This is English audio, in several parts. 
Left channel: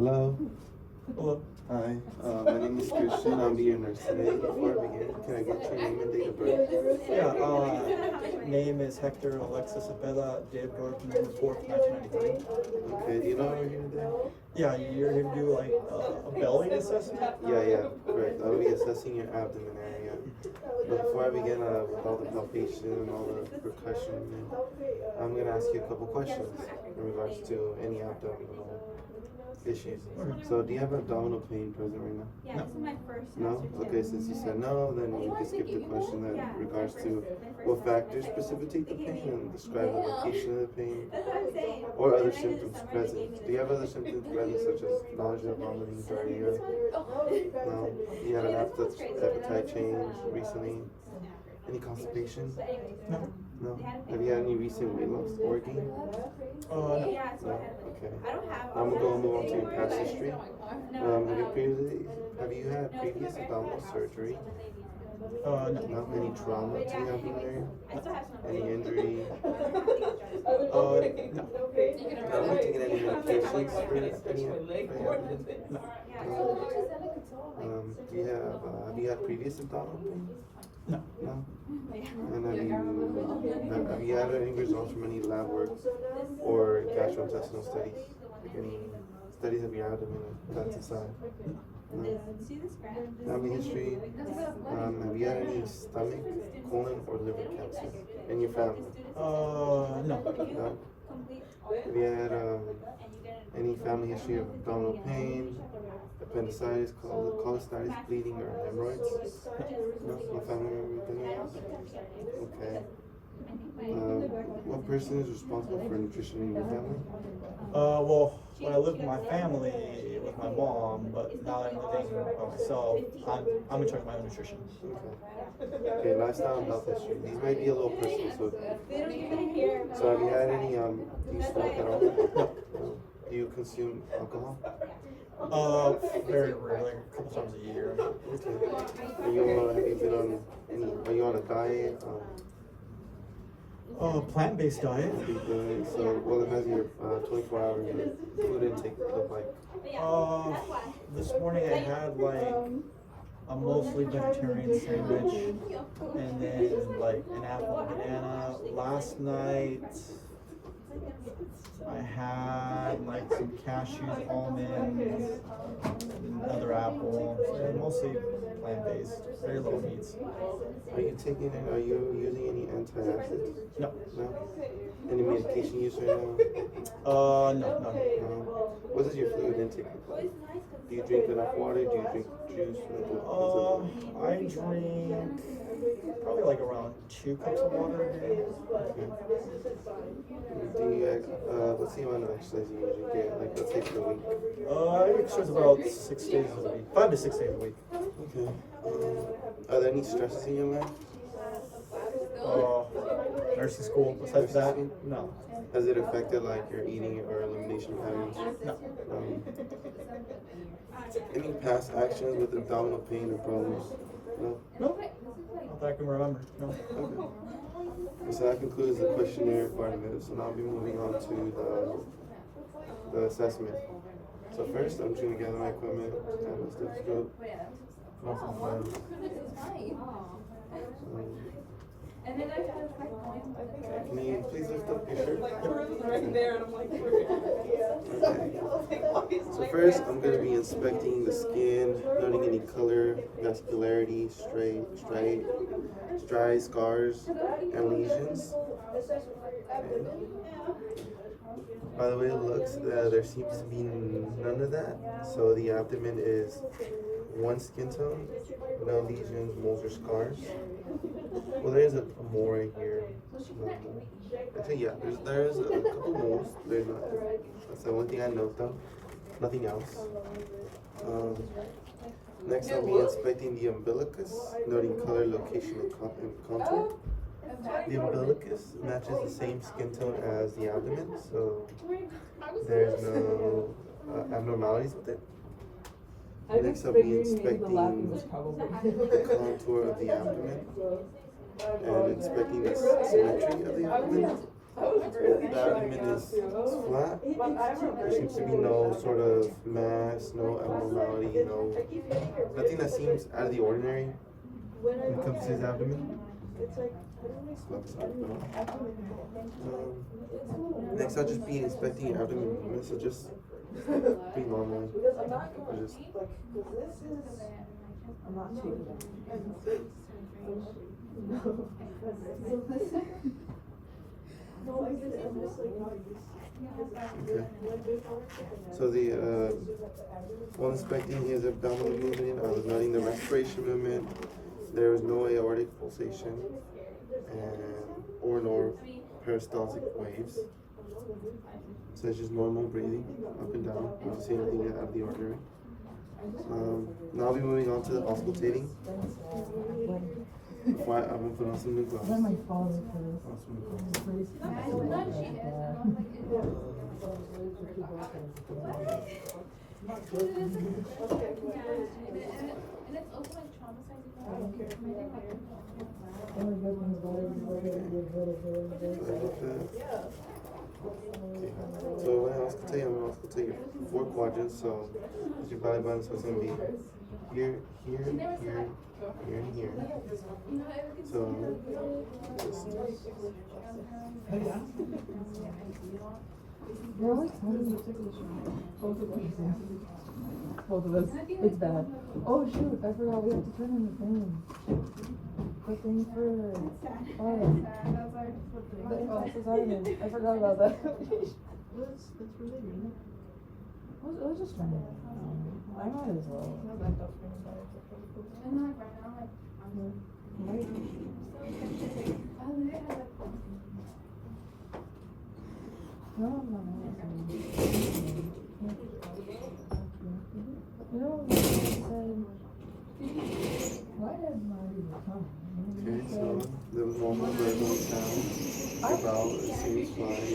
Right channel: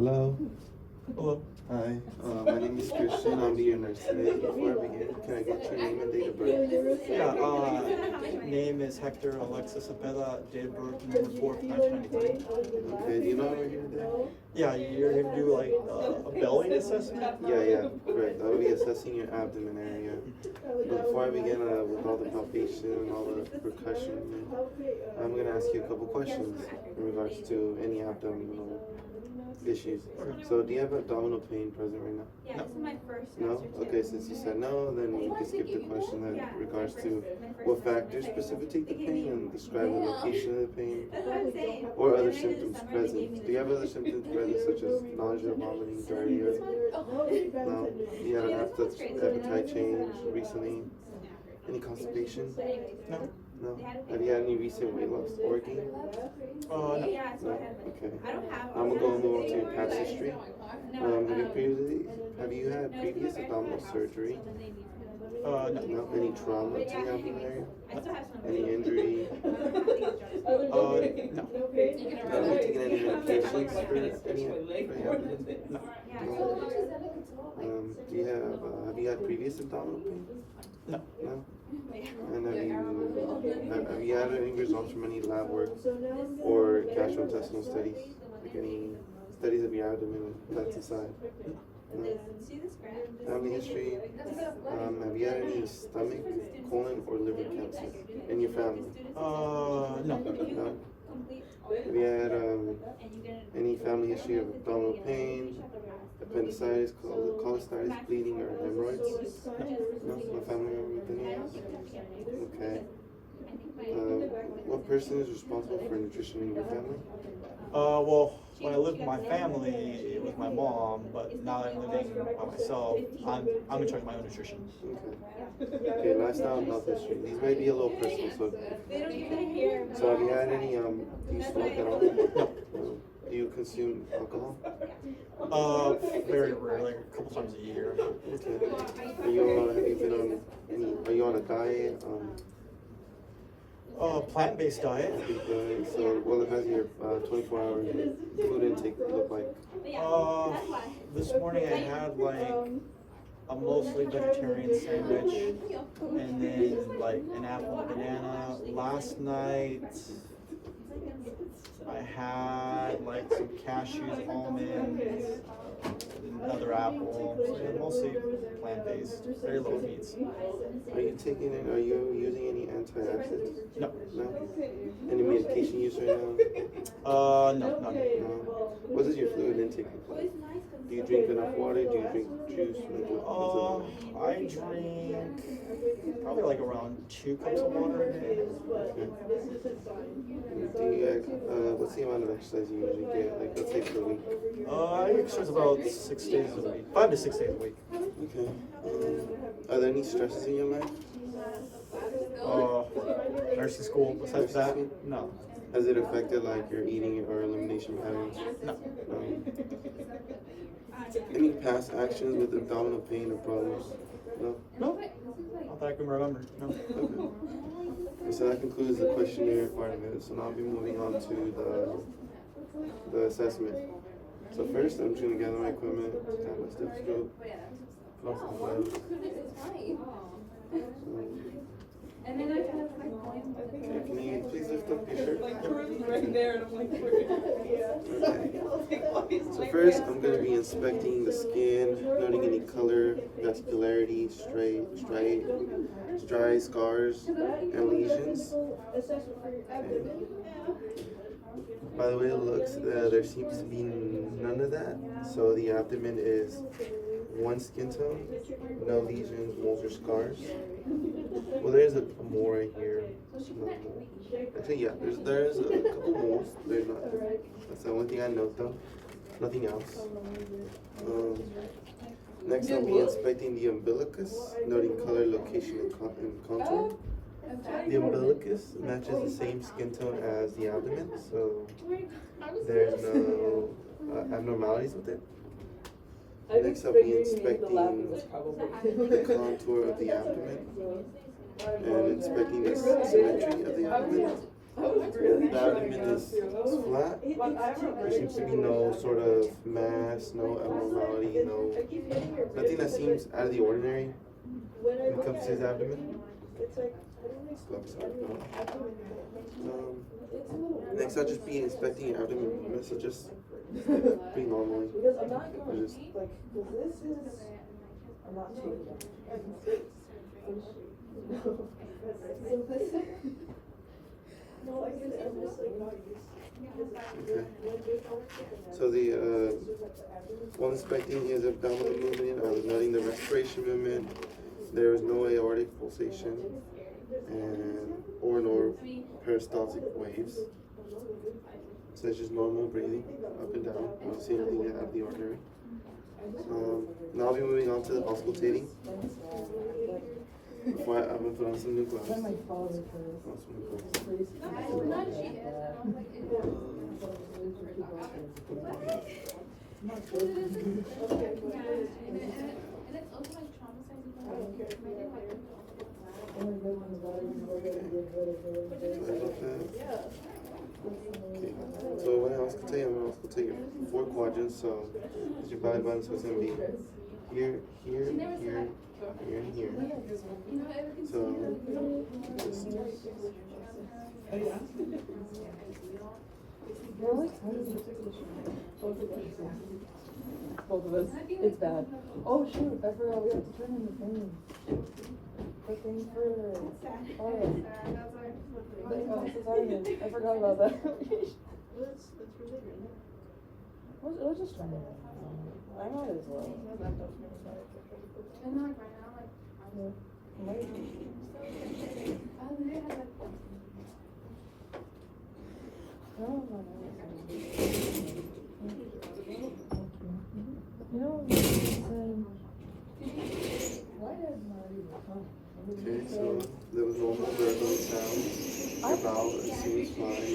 Hello. Hello. Hi. My name is Christian. I'll be your nurse today. Before I begin, can I get your name and date of birth? Yeah, name is Hector Alexis Abella, date of birth November 4th, 1993. Okay. Do you know what we're here today? Yeah, you're here to do like a belly assessment? Yeah, correct. I'll be assessing your abdomen area. But before I begin with all the palpation and all the percussion, I'm gonna ask you a couple questions in regards to any abdominal issues. So, do you have abdominal pain present right now? No. No? Okay, since you said no, then we can skip the question in regards to what factors precipitate the pain and describe the location of the pain or other symptoms present. Do you have other symptoms present such as nausea, vomiting, diarrhea? No? You had an appetite change recently? Any constipation? No. No? Have you had any recent weight loss or gain? No. No? Okay. I'm gonna move on to your past history. Have you had previous abdominal surgery? No. No? Any trauma to the abdomen area? Any injury? No. Have you taken any medications for any abdomen? No. Have you had previous abdominal pain? No. No? And have you had any results from any lab work or gastrointestinal studies? Like any studies of your abdomen that's inside? No. Family history? Have you had any stomach, colon, or liver cancer in your family? No. No. Have you had any family history of abdominal pain, appendicitis, cholestasis, bleeding, or hemorrhoids? No, no family member with any of those? Okay. What person is responsible for nutrition in your family? Well, when I lived with my family, it was my mom, but now that I'm living by myself, I'm in charge of my own nutrition. Okay, lifestyle and health history. These may be a little personal, so have you had any, do you smoke at all? No. Do you consume alcohol? Very rarely, a couple times a year. Okay. Have you been on are you on a diet? Plant-based diet. So what has your 24-hour food intake look like? This morning I had like a mostly vegetarian sandwich and then like an apple and banana. Last night I had like some cashews, almonds, another apple, and mostly plant-based, very little meats. Are you using any antacids? No. No? Any medication use right now? No. No. What does your fluid intake look like? Do you drink enough water? Do you drink juice? I drink probably like around 2 cups of water a day. What's the amount of exercise you usually get? Like, let's say per week. I exercise about 6 days a week, 5 to 6 days a week. Okay. Are there any stresses in your life? Nursing school. Besides that, no. Has it affected like your eating or elimination patterns? No. Any past actions with abdominal pain or problems? No. Not that I can remember. No. Okay. So that concludes the questionnaire part of it. So now I'll be moving on to the assessment. So first, I'm just gonna gather my equipment, have my stethoscope, put on some gloves. Okay, can you please lift up your shirt? Okay. So first, I'm going to be inspecting the skin, noting any color, vascularity, striae, scars, and lesions. Okay. By the way it looks, there seems to be none of that. So the abdomen is one skin tone, no lesions, moles, or scars. Well, there is a mole right here. No mole. Actually, yeah, there's a couple moles. There's not. That's the only thing I note though. Nothing else. Next, I'll be inspecting the umbilicus, noting color, location, and contour. The umbilicus matches the same skin tone as the abdomen, so there's no abnormalities with it. Next, I'll be inspecting the contour of the abdomen and inspecting the symmetry of the abdomen. The abdomen is flat. There seems to be no sort of mass, no abnormality, nothing that seems out of the ordinary when it comes to his abdomen. Next, I'll just be inspecting your abdomen. So just be normally. Or just. Okay. So while inspecting his abdominal movement, I was noting the respiration movement. There was no aortic pulsation or peristaltic waves. So it's just normal breathing up and down. I don't see anything out of the ordinary. Now I'll be moving on to the auscultating. I'm gonna put on some new glasses. So when I auscultate, I'm gonna auscultate your 4 quadrants. So it's your belly button, so it's gonna be here, here, here, here, and here. So just both of us. It's bad. Oh shoot, I forgot we have to turn in the thing. The thing for I forgot about that. That's really good. Let's just turn it. I might as well. okay, so there was normal verbal sound. About it seems fine. It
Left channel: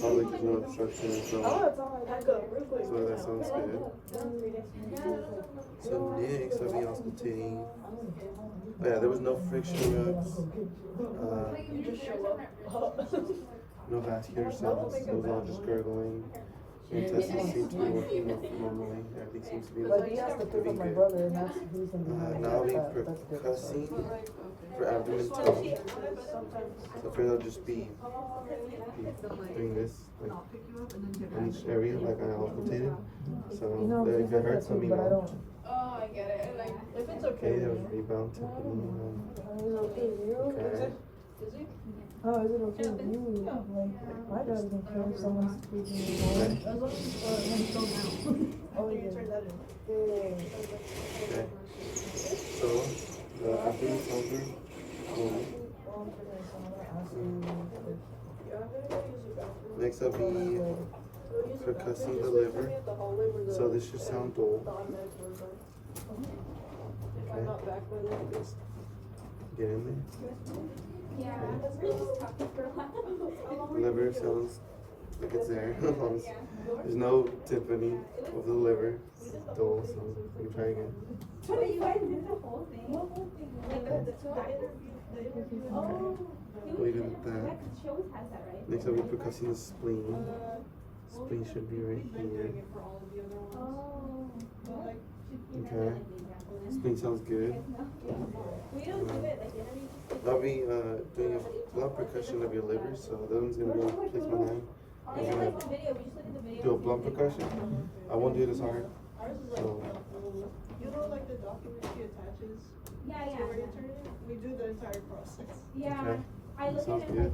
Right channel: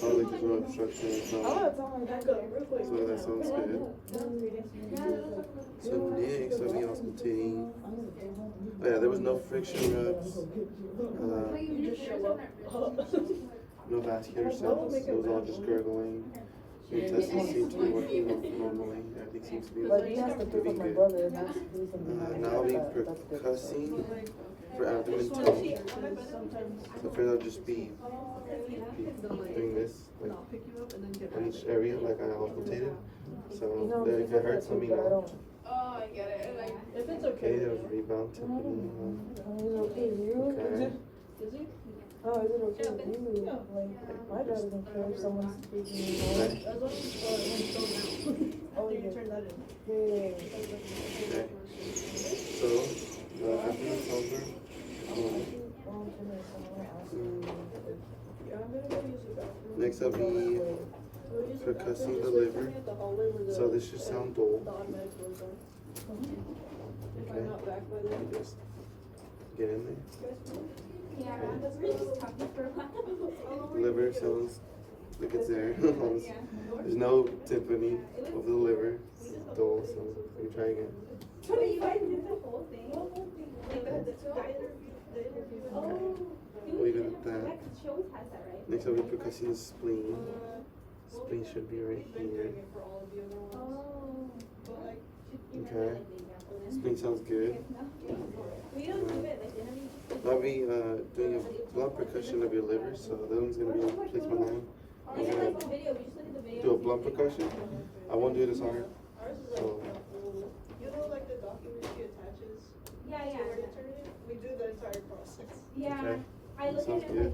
sounds like there's no obstruction or something. So that sounds good. So next I'll be auscultating. Oh yeah, there was no friction rubs. No vascular sounds. It was all just gurgling. Your intestines seem to be working normally. Everything seems to be moving good. Now I'll be percussing for abdomen tummy. So first I'll just be doing this like on each area like I auscultated. So if it hurts, let me know. Okay, that was rebound timpani. Okay. Oh, is it okay with you? Like, my dad doesn't care if someone's speaking. Oh, you turn that in. Okay. So, the abdomen solver. Next I'll be percussing the liver. So this should sound dull. Okay. Just get in there. Okay. Liver sounds like it's there. There's no timpani of the liver. It's dull, so let me try again. Leave it at that. Next I'll be percussing the spleen. Spleen should be right here. Okay. Spleen sounds good. I'll be doing a blunt percussion of your liver, so that one's gonna be, I'll place my hand. I'm gonna do a blunt percussion. I won't do it as hard. So. You know, like the document she attaches? Where you turn it? We do the entire process. Okay. That sounds good.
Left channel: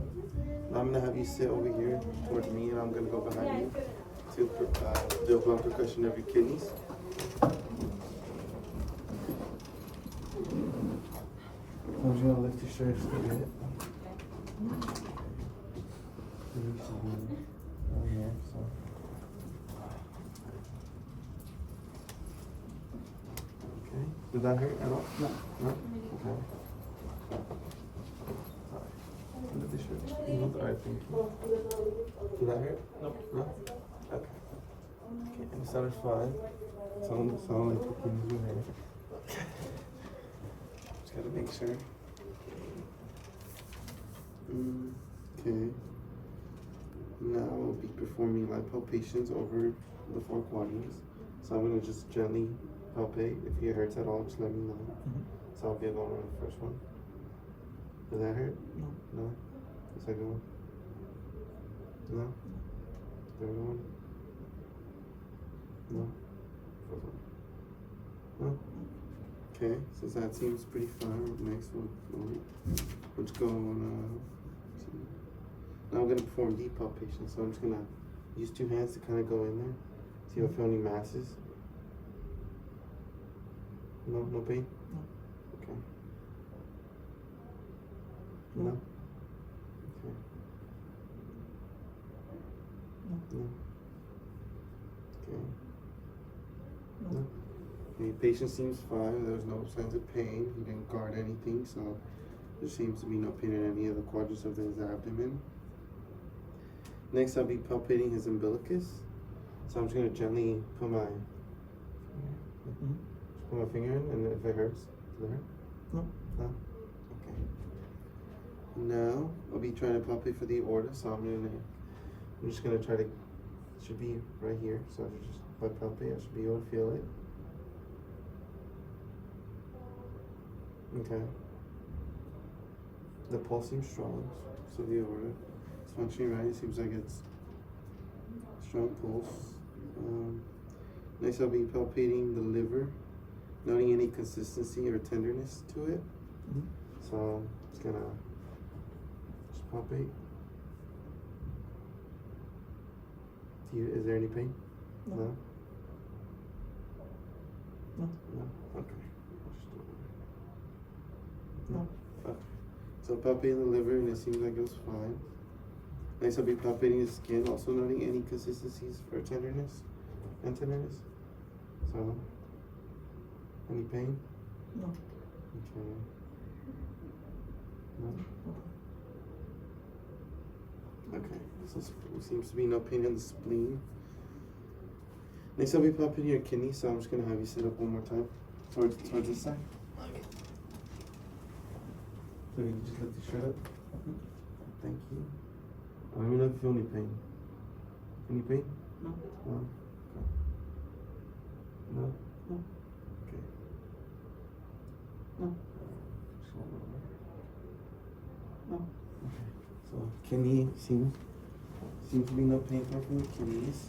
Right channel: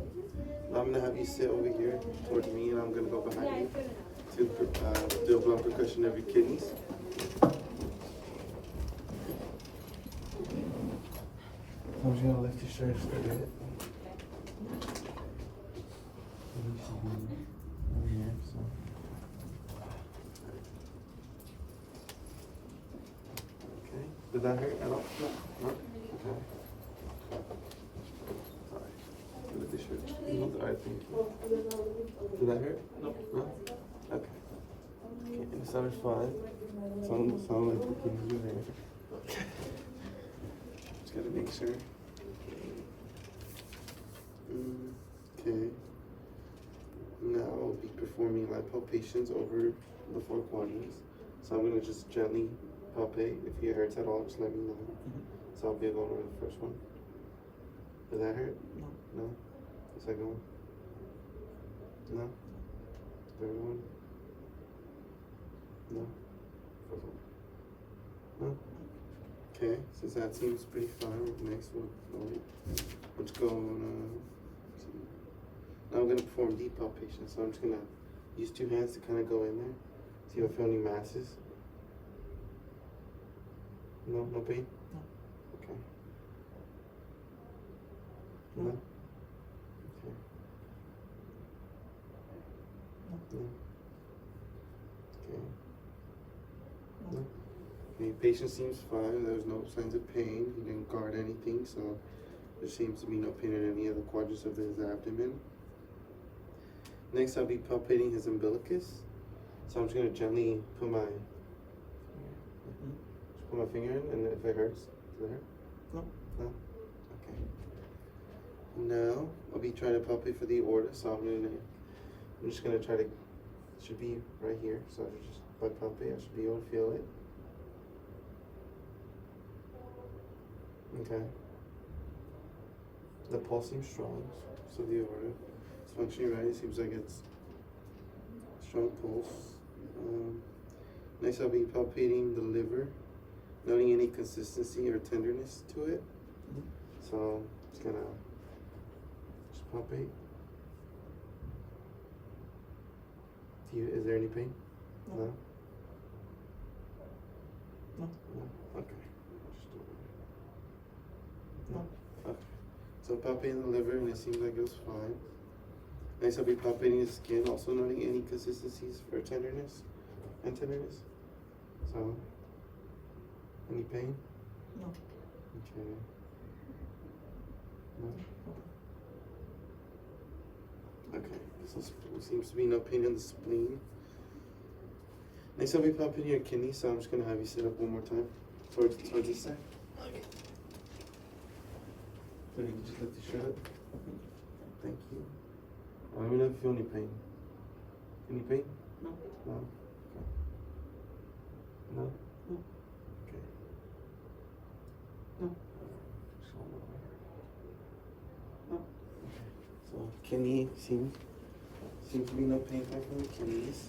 Now I'm gonna have you sit over here towards me, and I'm gonna go behind you to do a blunt percussion of your kidneys. I'm just gonna lift your shirt just a bit. Oh yeah, so. Okay. Did that hurt at all? No? Okay. Lift your shirt. Alright, thank you. Did that hurt? No. No? Okay. It sounded fine. Sound like you can move there. Just gotta make sure. Okay. Now I'll be performing light palpations over the 4 quadrants. So I'm gonna just gently palpate. If it hurts at all, just let me know. So I'll be going over the first one. Does that hurt? No. No? The second one? No? Third one? No? Fourth one? No? Okay, since that seems pretty fine, next let's go on, now I'm gonna perform deep palpation. So I'm just gonna use 2 hands to kind of go in there. See if I feel any masses. No pain? No. Okay. No? Okay. No. Okay. No. Okay, patient seems fine. There was no signs of pain. He didn't guard anything, so there seems to be no pain in any of the quadrants of his abdomen. Next, I'll be palpating his umbilicus. So I'm just gonna gently put my finger in, and if it hurts, does it hurt? No. No? Okay. Now, I'll be trying to palpate for the aorta, so I'm just gonna try to, it should be right here, so just if I palpate, I should be able to feel it. Okay. The pulse seems strong, so the aorta is functioning right. It seems like it's strong pulse. Next, I'll be palpating the liver, noting any consistency or tenderness to it. So I'm just gonna palpate. Is there any pain? No. No? No. No? Okay. No. Okay. So palpating the liver, and it seems like it was fine. Next, I'll be palpating the skin, also noting any consistencies for tenderness and tenderness. So, any pain? No. Okay. No? Okay. So there seems to be no pain in the spleen. Next, I'll be palpating your kidney, so I'm just gonna have you sit up one more time towards this side. Okay. So you can just lift your shirt up. Thank you. Let me know if you feel any pain. Any pain? No. No? No? No. Okay. No. Just one more there. No. Okay. So kidney seems to be no pain coming from the kidneys.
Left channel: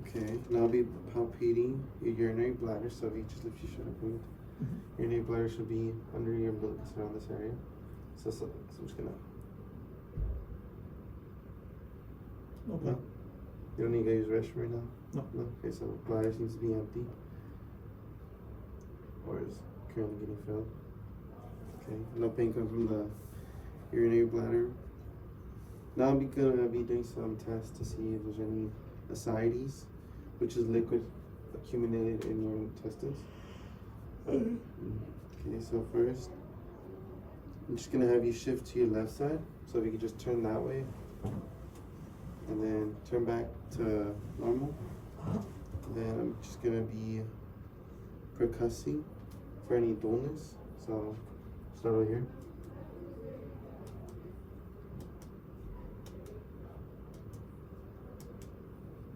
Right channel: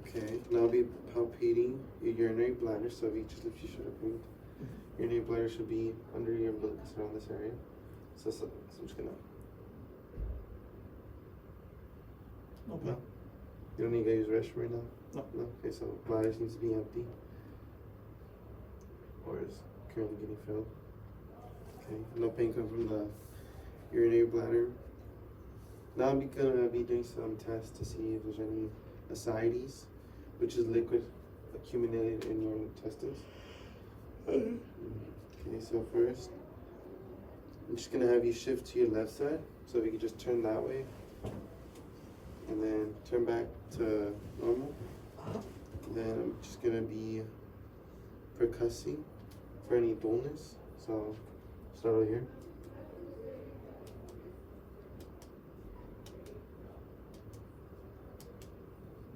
Okay. Now I'll be palpating your urinary bladder. So if you just lift your shirt up, and urinary bladder should be under your umbilicus around this area. So I'm just gonna. No. No? You don't need to use the restroom right now? No. No? Okay, so bladder seems to be empty. Or is currently getting filled. Okay, no pain coming from the urinary bladder. Now I'm gonna be doing some tests to see if there's any ascites, which is liquid accumulated in your intestines. Okay, so first, I'm just gonna have you shift to your left side. So if you could just turn that way. And then turn back to normal. Then I'm just gonna be percussing for any dullness. So start over here.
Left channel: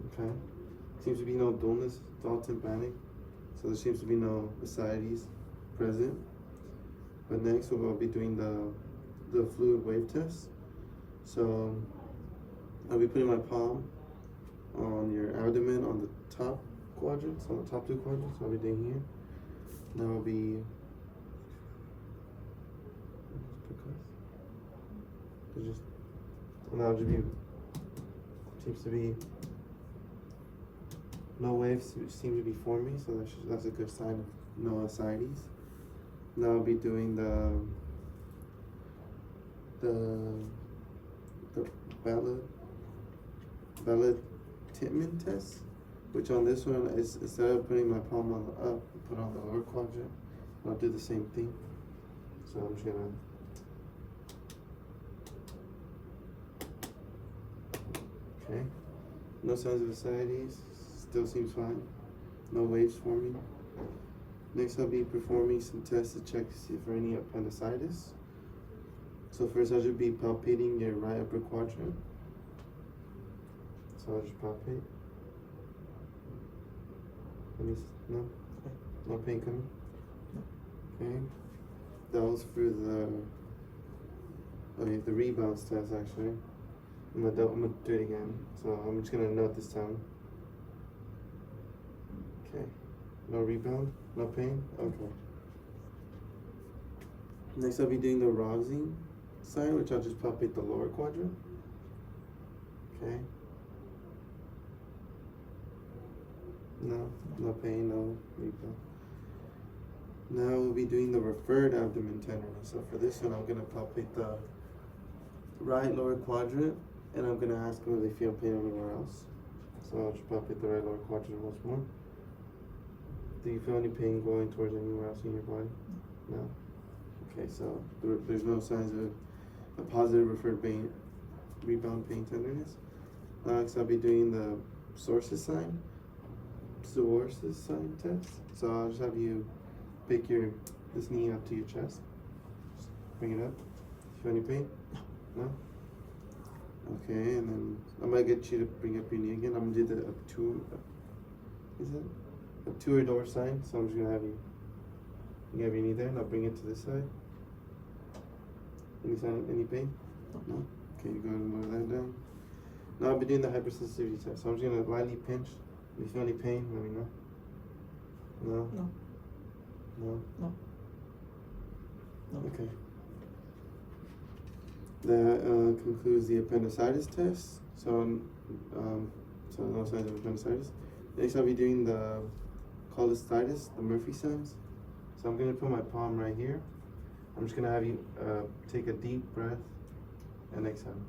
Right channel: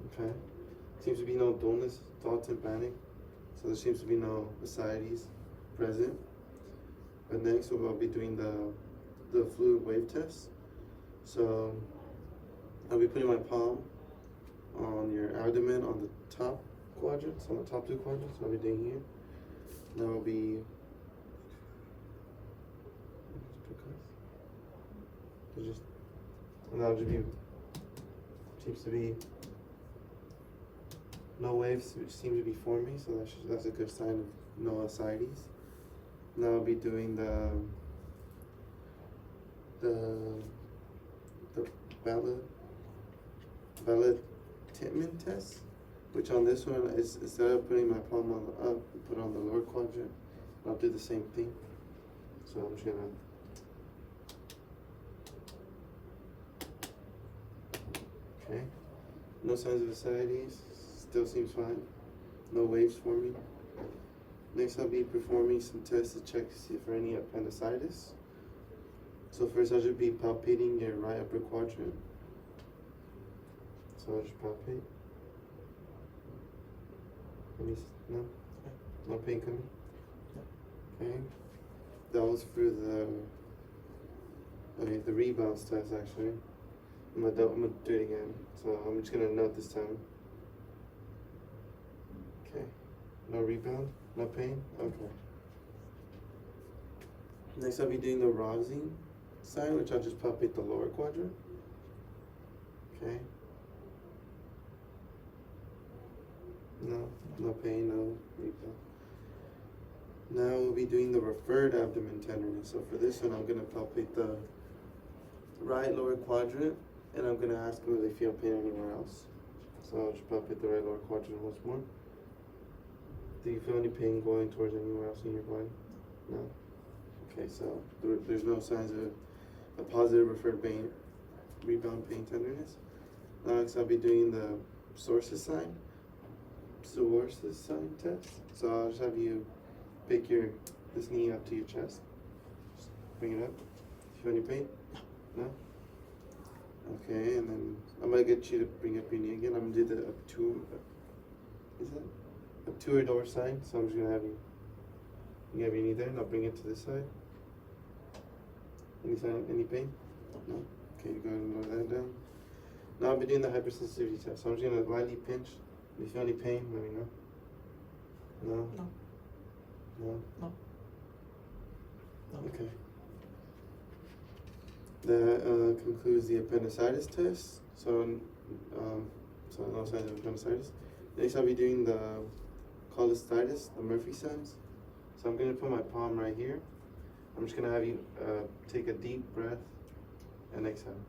Okay. Seems to be no dullness, it's all tympanic. So there seems to be no ascites present. But next we'll be doing the fluid wave test. So I'll be putting my palm on your abdomen on the top quadrants, on the top 2 quadrants. I'll be doing here. Now I'll be seems to be no waves which seem to be forming, so that's a good sign of no ascites. Now I'll be doing the Titman test, which on this one is instead of putting my palm on the up, put on the lower quadrant. I'll do the same thing. So I'm just gonna okay. No signs of ascites, still seems fine. No waves forming. Next I'll be performing some tests to check to see for any appendicitis. So first I should be palpating your right upper quadrant. So I'll just palpate. No? No pain coming? Okay. That was for the rebounds test actually. I'm gonna do it again. So I'm just gonna note this time. Okay. No rebound? No pain? Okay. Next I'll be doing the rising side, which I'll just palpate the lower quadrant. Okay. No pain, no rebound. Now we'll be doing the referred abdomen tenderness. So for this one, I'm gonna palpate the right lower quadrant, and I'm gonna ask them if they feel pain anywhere else. So I'll just palpate the right lower quadrant once more. Do you feel any pain going towards anywhere else in your body? No? Okay, so there's no signs of a positive referred pain, rebound pain tenderness. Next, I'll be doing the sources sign test. So I'll just have you pick this knee up to your chest. Just bring it up. Feel any pain? No? Okay, and then I might get you to bring up your knee again. I'm gonna do the obturator door sign. So I'm just gonna have you have your knee there, and I'll bring it to this side. Any pain? No? Okay, go ahead and lower that down. Now I'll be doing the hypersensitivity test. So I'm just gonna lightly pinch. If you feel any pain, let me know. No? No. No? No. No. Okay. That concludes the appendicitis test. So no signs of appendicitis. Next I'll be doing the cholecystitis, the Murphy signs. So I'm gonna put my palm right here. I'm just gonna have you take a deep breath and exhale.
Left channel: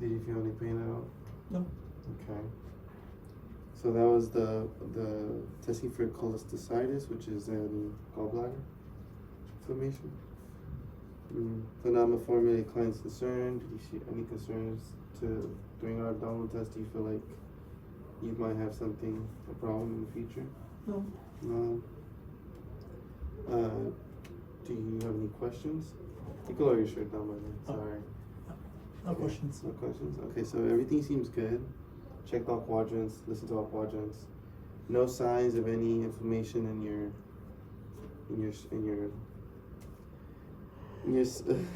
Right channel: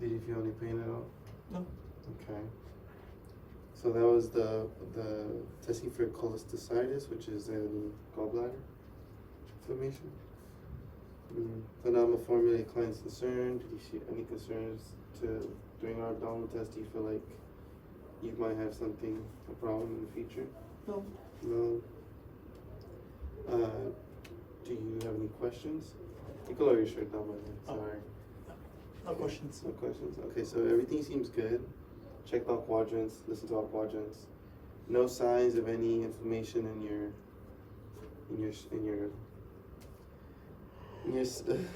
Did you feel any pain at all? No. Okay. So that was the testing for cholecystitis, which is in gallbladder inflammation. So now I'm gonna formulate client's concern. Did you see any concerns during our abdominal test? Do you feel like you might have a problem in the future? No. No. Do you have any questions? You can lower your shirt down, by the way. Sorry. No questions. No questions. Okay, so everything seems good. Checked all quadrants, listened to all quadrants. No signs of any inflammation in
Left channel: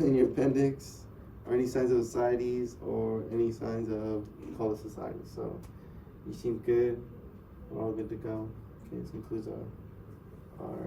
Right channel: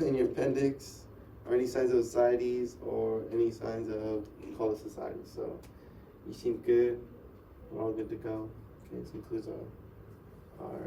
your appendix, or any signs of ascites, or any signs of cholecystitis. So you seem good. We're all good to go. Okay, this concludes our